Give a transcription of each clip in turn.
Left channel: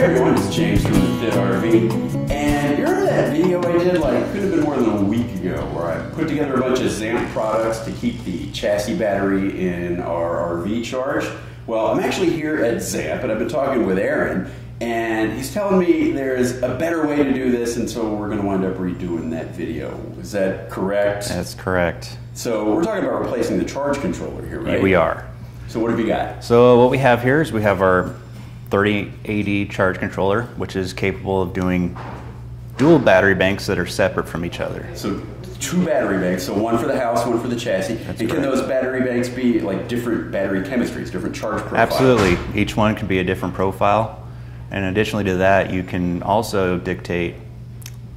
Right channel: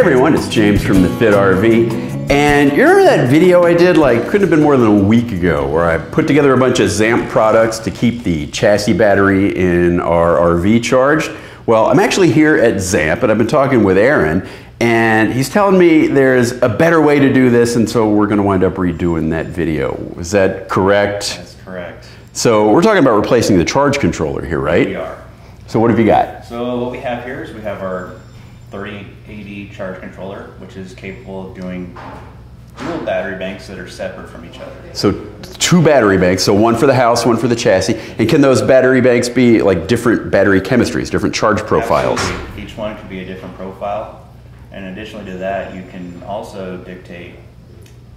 everyone, it's James from the Fit RV. And you remember that video I did, like, couldn't have been more than a week ago, where I put together a bunch of Zamp products to keep the chassis battery in our RV charged? Well, I'm actually here at Zamp, and I've been talking with Aaron, and he's telling me there's a better way to do this, and so we're going to wind up redoing that video. Is that correct? That's correct. So we're talking about replacing the charge controller here, right? We are. So what have you got? So what we have here is we have our 3080 charge controller, which is capable of doing dual battery banks that are separate from each other. So two battery banks, so one for the house, one for the chassis. And can those battery banks be like different battery chemistries, different charge profiles? Absolutely. Each one can be a different profile. And additionally to that, you can also dictate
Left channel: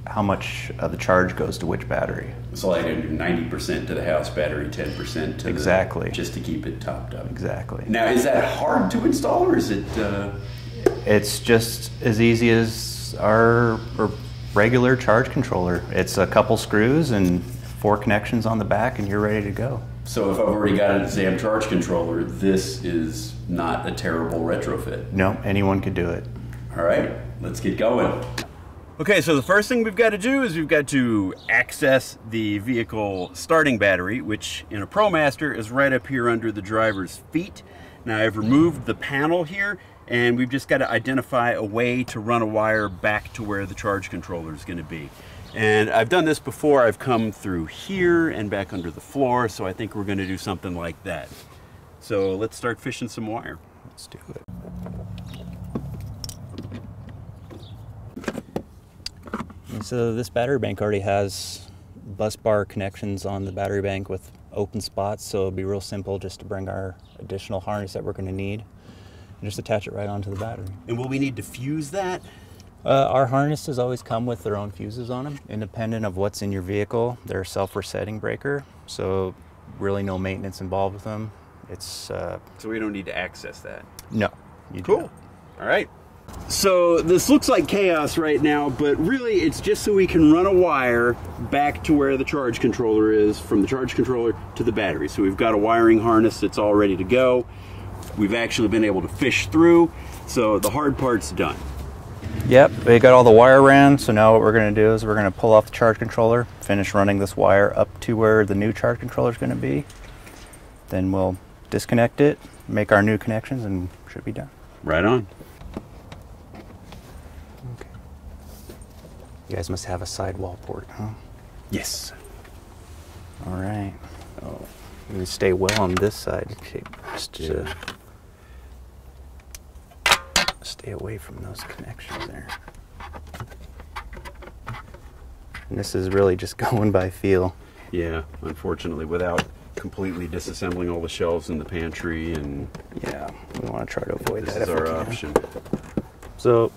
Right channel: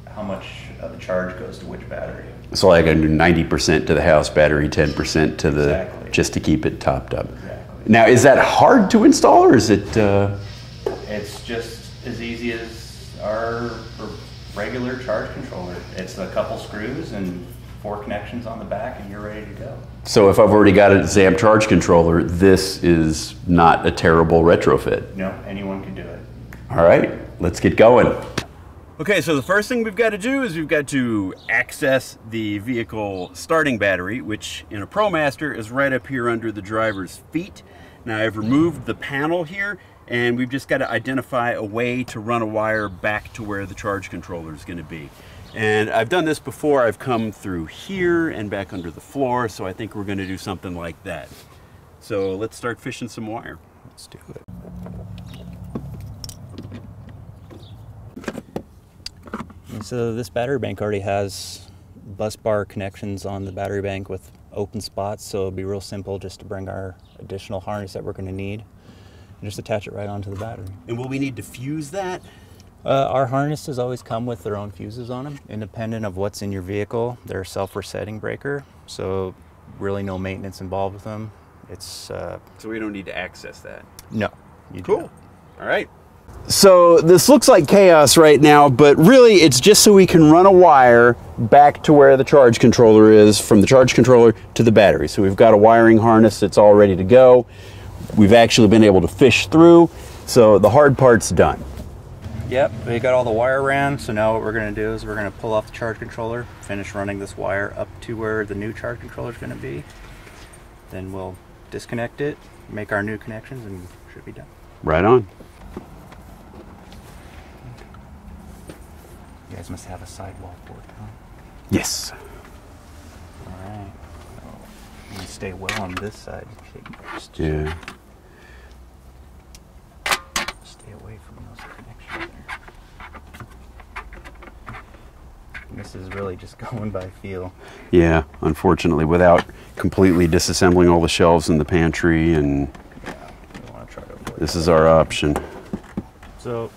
how much of the charge goes to which battery. So like I do 90% to the house battery, 10% to the... Exactly. Just to keep it topped up. Exactly. Now, is that hard to install, or is it... It's just as easy as our regular charge controller. It's a couple screws and 4 connections on the back, and you're ready to go. So if I've already got a Zamp charge controller, this is not a terrible retrofit? No, anyone could do it. All right, let's get going. Okay, so the first thing we've got to do is we've got to access the vehicle starting battery, which in a ProMaster is right up here under the driver's feet. Now I've removed the panel here, and we've just got to identify a way to run a wire back to where the charge controller is going to be. And I've done this before. I've come through here and back under the floor, so I think we're going to do something like that. So let's start fishing some wire. Let's do it. So this battery bank already has bus bar connections on the battery bank with open spots, so it'll be real simple just to bring our additional harness that we're going to need and just attach it right onto the battery. And will we need to fuse that? Our harnesses always come with their own fuses on them, independent of what's in your vehicle. They're a self-resetting breaker, so really no maintenance involved with them. It's so we don't need to access that? No. Cool. All right. So this looks like chaos right now, but really it's just so we can run a wire back to where the charge controller is, from the charge controller to the battery. So we've got a wiring harness that's all ready to go. We've actually been able to fish through, so the hard part's done. Yep, we got all the wire ran, so now what we're going to do is we're going to pull off the charge controller, finish running this wire up to where the new charge controller is going to be. Then we'll disconnect it, make our new connections, and should be done. Right on. You guys must have a sidewall port, huh? Yes. All right. Oh, you stay well on this side. Just stay away from those connections there. And this is really just going by feel. Yeah, unfortunately, without completely disassembling all the shelves in the pantry, and yeah, we want to try to avoid this that is our option. So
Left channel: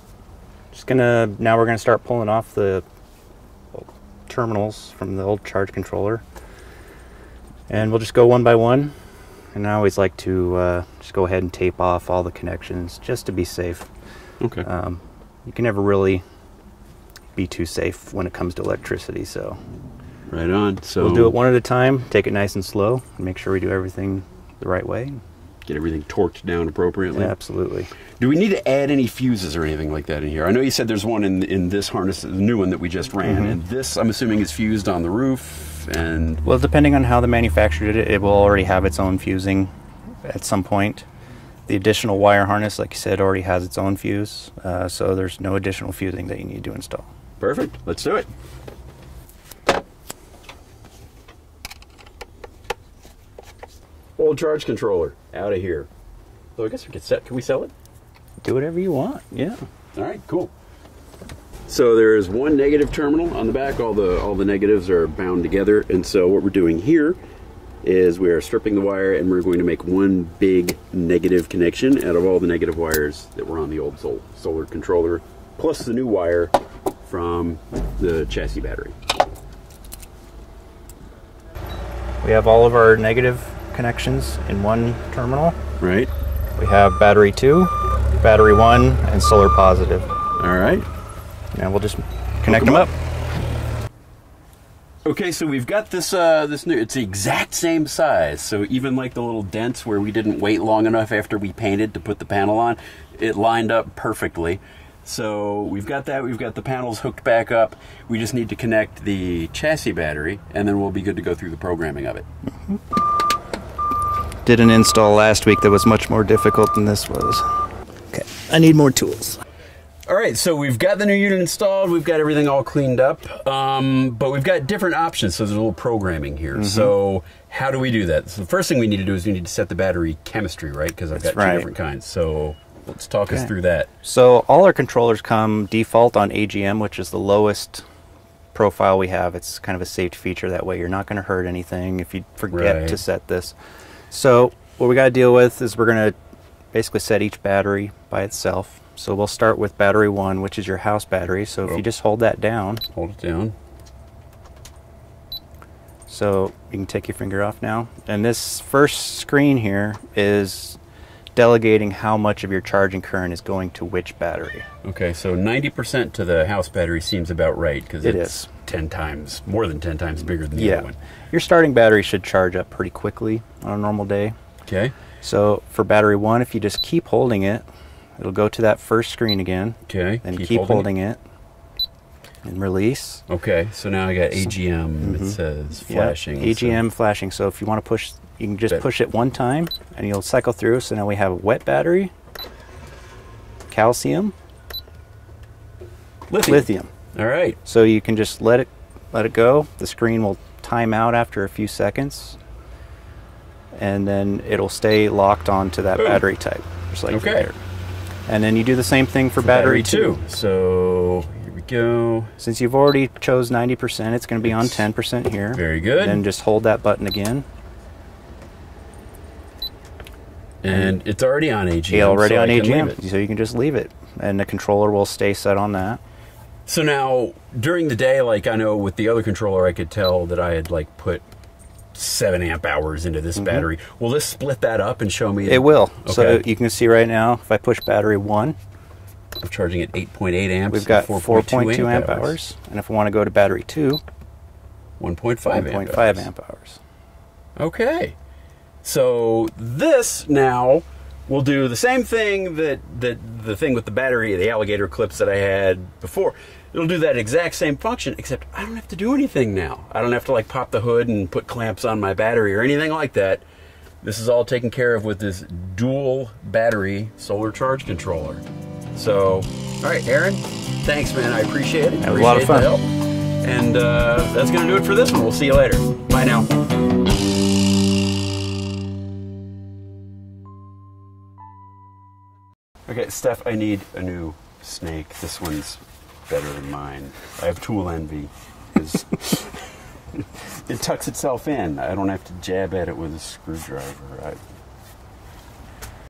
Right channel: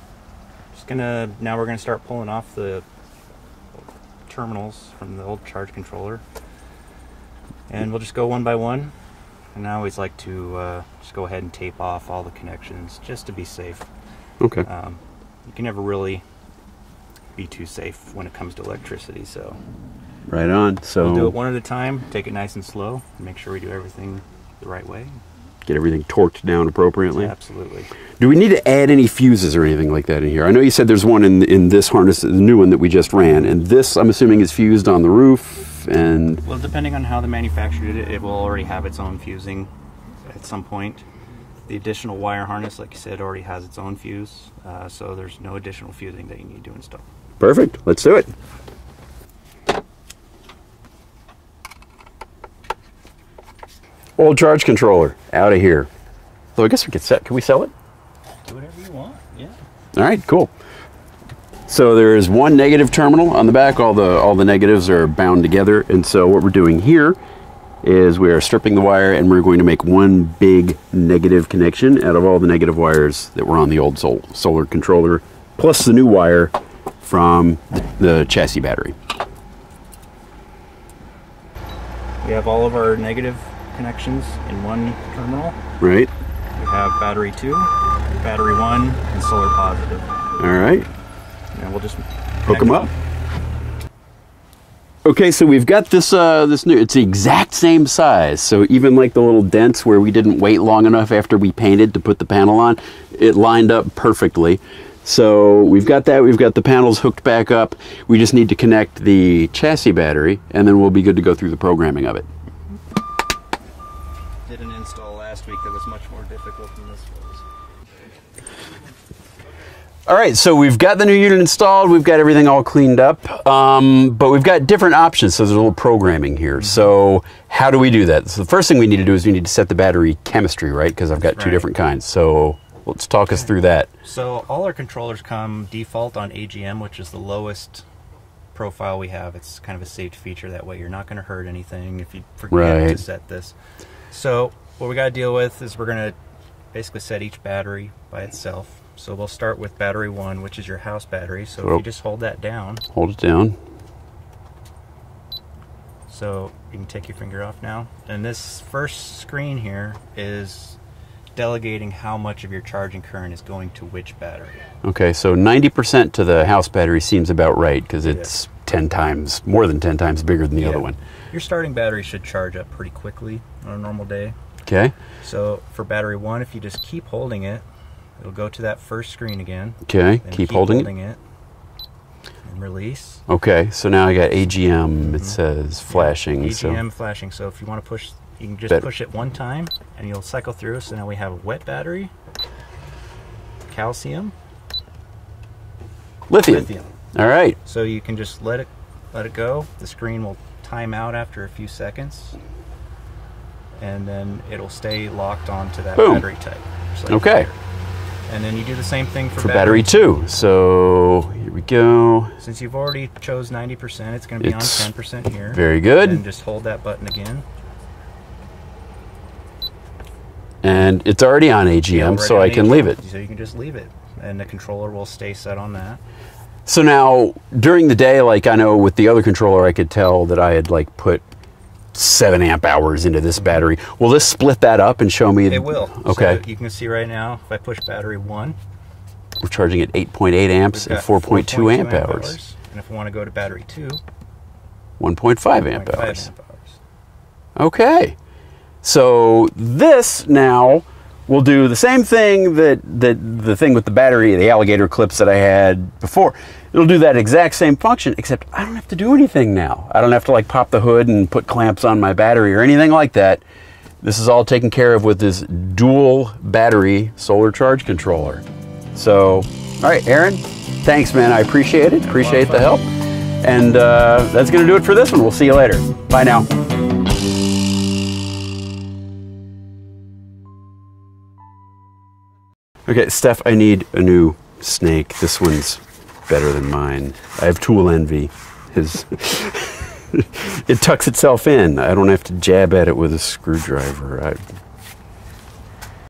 now we're gonna start pulling off the terminals from the old charge controller, and we'll just go one by one. And I always like to just go ahead and tape off all the connections just to be safe. Okay. You can never really be too safe when it comes to electricity, so right on. So we'll do it one at a time, take it nice and slow, and make sure we do everything the right way. Get everything torqued down appropriately. Yeah, absolutely. Do we need to add any fuses or anything like that in here? I know you said there's one in this harness, the new one that we just ran, and this, I'm assuming, is fused on the roof. And well, depending on how the manufacturer did it, it will already have its own fusing at some point. The additional wire harness, like you said, already has its own fuse, so there's no additional fusing that you need to install. Perfect. Let's do it. Old charge controller out of here. So I guess we could can we sell it? Do whatever you want. Yeah. All right, cool. So there is one negative terminal on the back. All the negatives are bound together, and so what we're doing here is we are stripping the wire, and we're going to make one big negative connection out of all the negative wires that were on the old solar controller, plus the new wire from the chassis battery. We have all of our negative connections in one terminal. Right. We have battery 2, battery 1, and solar positive. All right. And we'll just connect them up. Okay, so we've got this new, it's the exact same size. So even like the little dents where we didn't wait long enough after we painted to put the panel on, it lined up perfectly. So we've got that. We've got the panels hooked back up. We just need to connect the chassis battery, and then we'll be good to go through the programming of it. Did an install last week that was much more difficult than this was. Okay, I need more tools. All right, so we've got the new unit installed. We've got everything all cleaned up, but we've got different options, so there's a little programming here. So how do we do that? So the first thing we need to do is we need to set the battery chemistry, right? Because I've got two different kinds. So let's talk us through that. So all our controllers come default on AGM, which is the lowest profile we have. It's kind of a safety feature. That way you're not going to hurt anything if you forget to set this. So what we got to deal with is we're going to basically set each battery by itself. So we'll start with battery 1, which is your house battery. So if you just hold that down. Hold it down. So you can take your finger off now. And this first screen here is delegating how much of your charging current is going to which battery. Okay, so 90% to the house battery seems about right, because it's 10 times, more than 10 times bigger than the other one. Your starting battery should charge up pretty quickly on a normal day. Okay. So for battery 1, if you just keep holding it, it'll go to that first screen again. Okay, and keep holding it. And release. Okay, so now I got AGM, it says flashing. AGM flashing, so if you want to push, you can just push it one time and you'll cycle through. So now we have wet battery, calcium, lithium. All right. So you can just let it go. The screen will time out after a few seconds, and then it'll stay locked onto that battery type. Just like fire. And then you do the same thing for battery 2. So here we go. Since you've already chose 90%, it's going to be on 10% here. Very good. And just hold that button again. And it's already on AGM, so I can leave it. So you can just leave it, and the controller will stay set on that. So now, during the day, like I know with the other controller, I could tell that I had like put 7 amp hours into this battery. Will this split that up and show me? It will. Okay. So you can see right now, if I push battery 1, we're charging at 8.8 amps and 4.2 amp hours. And if I want to go to battery 2, 1.5 amp hours. 1.5 amp hours. Okay. So this now will do the same thing that the thing with the battery, the alligator clips that I had before. It'll do that exact same function, except I don't have to do anything now. I don't have to like pop the hood and put clamps on my battery or anything like that. This is all taken care of with this dual battery solar charge controller. So, all right, Aaron, thanks, man. I appreciate it. Appreciate the help. And that's going to do it for this one. We'll see you later. Bye now. Okay, Steph, I need a new snake. This one's better than mine. I have tool envy. It tucks itself in. I don't have to jab at it with a screwdriver.